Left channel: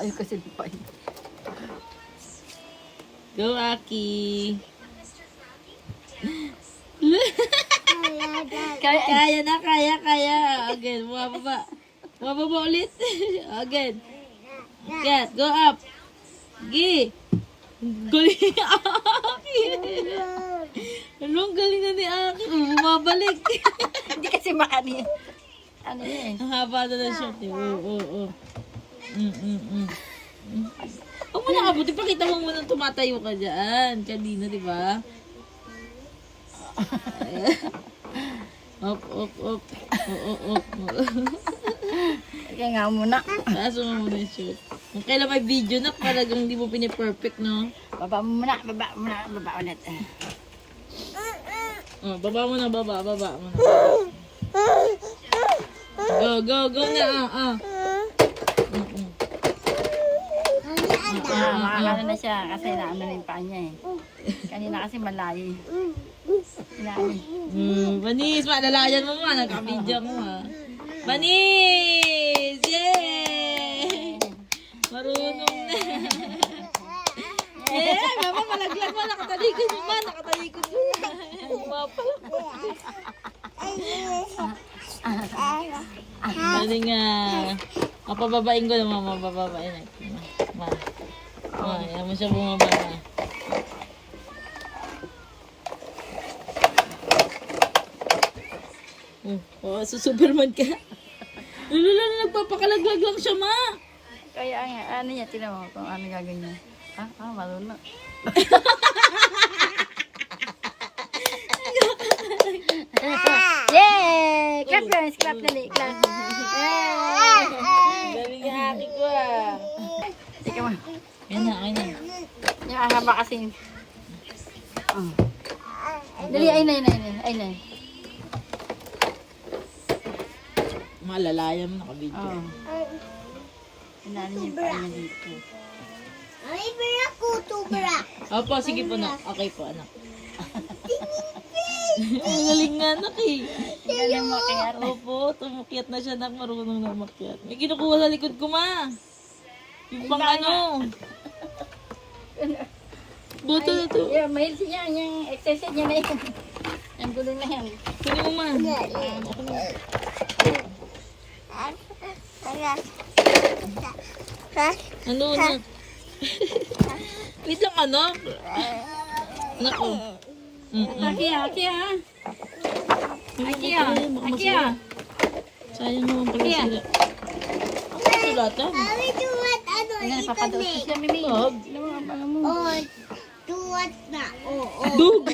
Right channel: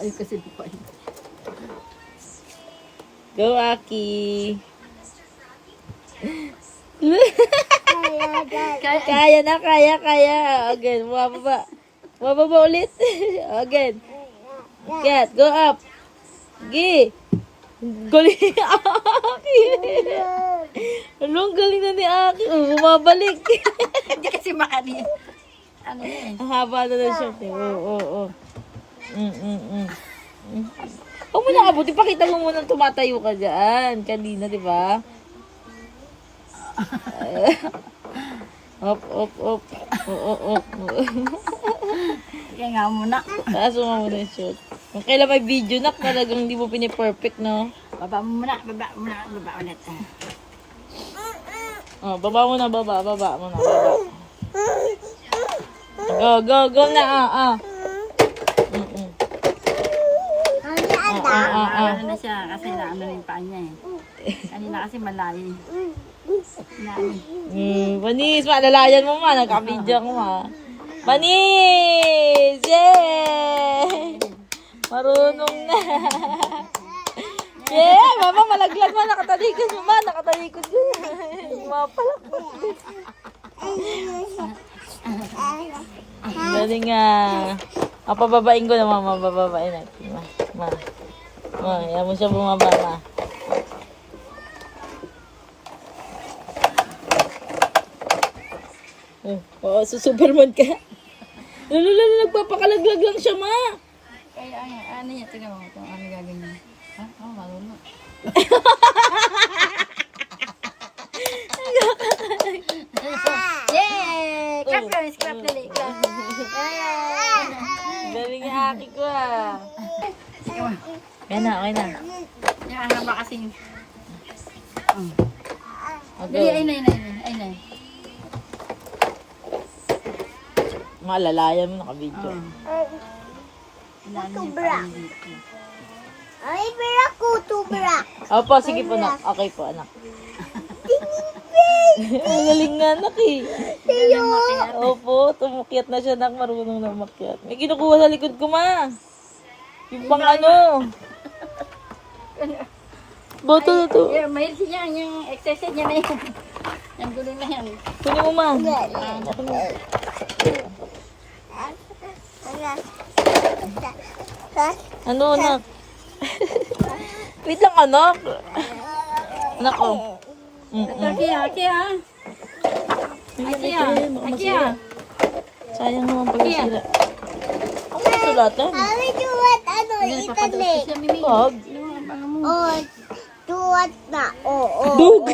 Ay, kasi pa yun. Go, Aki. Kaya na, kaya. Again, bumababa. Bumababa ulit. Again. Get, go up. Gi. Galing ni Aki. Anong galing na ni Aki? Bumabalik. Hindi kasi maani. Ano yun? Ang haba na ng short eh. Oo. Huwag mo nakabuti. Pakita mo muna tumatayo ka dyan. Kanina, di ba? Op. Op. Kaya nga muna. Taas mo muna yung short. Kung kailan may video na, talagang hindi mo piniperfect, no? Baba mo muna. Baba ulit. Oh, baba mo na. Go na. Ano na siya kasi naano na yung paa niya eh. Kanina kasi malayo. Manis, malalayan mo ma. Nagka-video ko ma. Manis! Yay! Marunong na. Yeah! Mama, malaglag ma. Nakatalikod mo ma. Nakatalikod mo. Mapala. Galing nga. Pababain ko na mama. Bababain natin. Yan mo siya bumaba na. Oo, Superman ka. Lalo, nagpapakalaglag lang siya, ma. Kaya ano niya, tinan mo kung ano gagawin niya. Marunong. Yay! Clap guys, clap dali. Clap. Yay! Galing yung haki ko, ah. Sige mo. Okay na. Yung haba kasi. Dali, ay na. Malalayan mo, naka-video. Tubra. Ay, tubra. Opo, sige po, nak. Okay po, anak. Ang galing nga, anak, eh. Opo, tumukyat na siya, nak. Marunong na makyat. May kinukuha sa likod ko, ma. Yung pang ano. Boto na to. Yeah, mahil siya yung exercise niya na yan. Yung gulo na yan. Kunin mo, ma. Ano, anak? Wait lang, anak. Anak, oh. Aki ah. Sayang naman pala sila. Ang kasulatan. Sabi duwat internet. Wag. Oh, duwat na. Oo. Dug.